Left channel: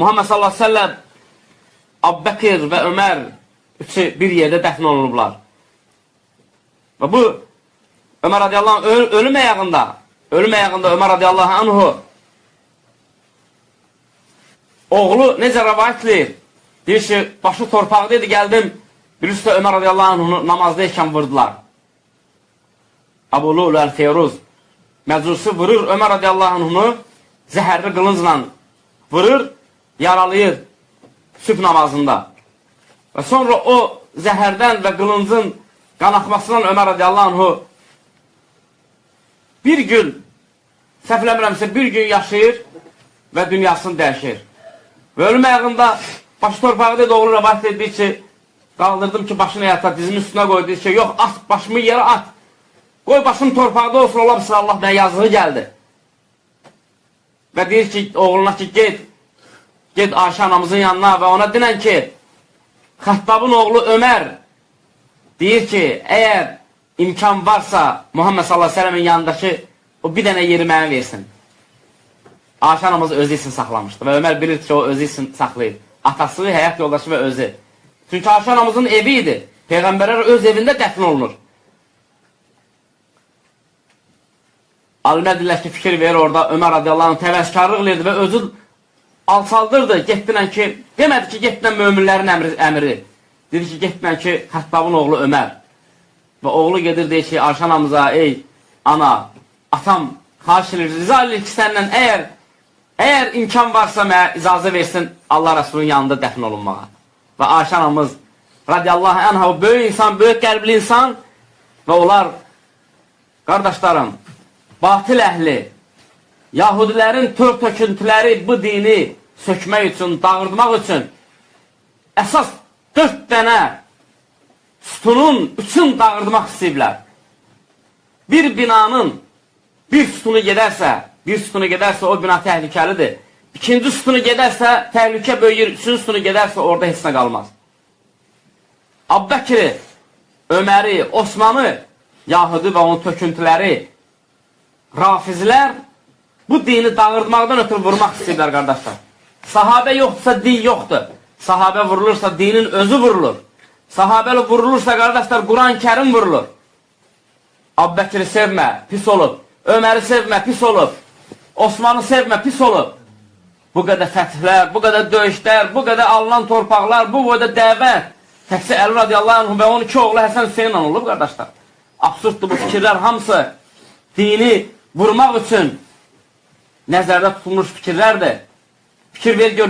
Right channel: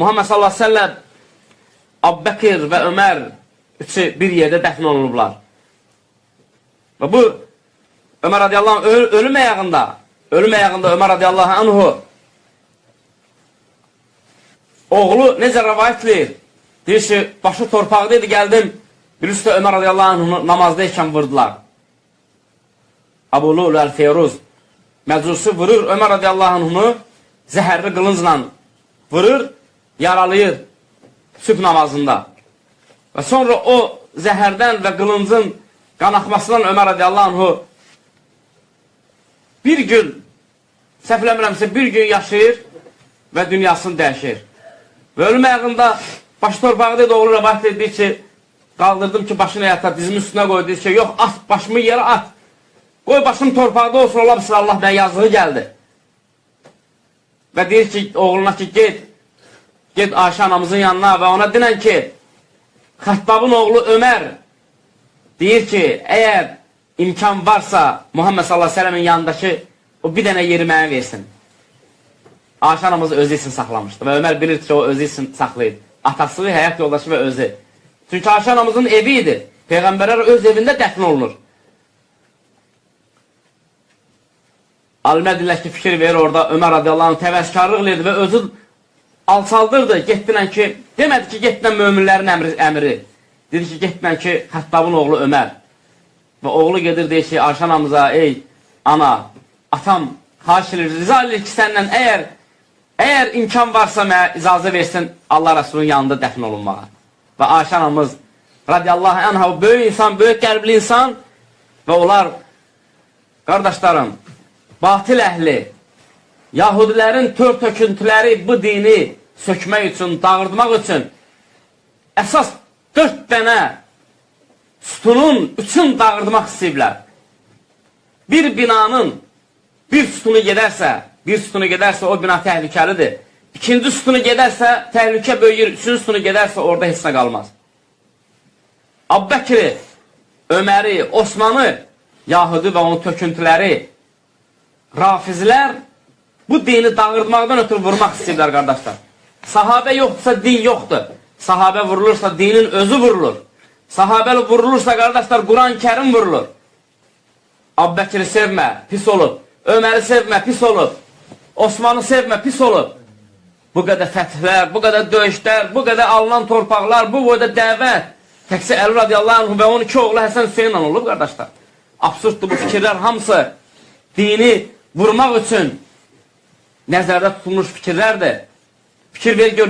Muhammed sallallahu aleyhi ve sellem, Abbəkir və Ömər üçü bir yerdə dəfn olunublar. Və bu Ömər radiyallahu anh ölüm əyağında Ömər radiyallahu anhu oğlu necə rəvayətli deyir ki, başı torpaqdaydı, gəldim bir üstə Ömər radiyallahu anhu namazdayken vurdular. Abu Lul el-Feyruz məcusi vurur Ömər radiyallahu anhunu zəhərli qılıncla vurur, yaralayır sübh namazında. Və sonra o zəhərdən və qılıncın qanaxmasından Ömər radiyallahu anhu bir gün, səhvləmirəmsə bir gün yaşayır və dünyasını dəyişir. Və ölüm əyağında başı torpaqda doğru rəvayət edir ki, qaldırdım ki, başını yata, dizimin üstünə qoydu, deyir ki, yox, at, başımı yerə at. Qoy başım torpaqda olsun, ola bilsin, Allah mənə yazığı gəldi. Və deyir ki, oğluna ki, get Ayşə anamızın yanına və ona dinən ki, Xəttabın oğlu Ömər deyir ki, əgər imkan varsa Muhammed sallallahu aleyhi ve sellemin yanındakı o bir dənə yeri mənə versin. Ayşə anamız özü için saxlamışdı və Ömər bilir ki, o özü için saxlayır. Atası, həyat yoldaşı və özü. Çünki Ayşə anamızın evi idi. Peyğəmbərlər öz evində dəfn olunur. Alimə dillər ki, fikir verir orada Ömər radiyallahu anh təvəzzkarlıq edirdi və özü alçaldırdı, getdinən ki, demədi ki, getdinən möminlərin əmri. Dedi ki, getdinən ki, Xəttabın oğlu Ömər. Və oğlu gedir, deyir ki, Ayşə anamıza, ey ana, atam, xahiş edir, rica edir ki, səndən əgər imkan varsa mənə icazə versin Allah Resulünün yanında dəfn olunmağa. Və Ayşə anamız radiyallahu anha böyük insan, böyük qəlbli insan və onlar, qardaşlarım, batil əhli, Yahudilərin tör töküntüləri bu dini sökmək üçün, dağıtmaq üçün əsas 4 dənə sütunun üçün dağıtmaq istəyiblər. Bir binanın bir sütunu gedərsə o bina təhlükəlidir. İkinci sütunu gedərsə təhlükə böyüyür, üçüncü sütunu gedərsə orada heç nə qalmaz. Abbəkiri, Öməri, Osmanı, Yahudi və onun töküntüləri, Rafizlər bu dini dağıtmaqdan ötürü vurmaq istəyirlər, qardaşlar. Sahabə yoxdursa din yoxdur. Sahabə vurulursa dinin özü vurulur. Sahabəli vurulursa, qardaşlar, Quran-Kərim vurulur. Abbəkiri sevmə, pis olub. Öməri sevmə, pis olub. Osmanı sevmə, pis olub. Bu qədər fəthlər, bu qədər döyüşlər, bu qədər alınan torpaqlar, bu boyda dəvət. Təkcə Əli radiyallahu anh və 12 oğlu Həsən Hüseynlə olub, qardaşlar. Absurddur bu fikirlər, hamısı dini vurmaq üçün nəzərdə tutulmuş fikirlərdir. Fikir ver, gör.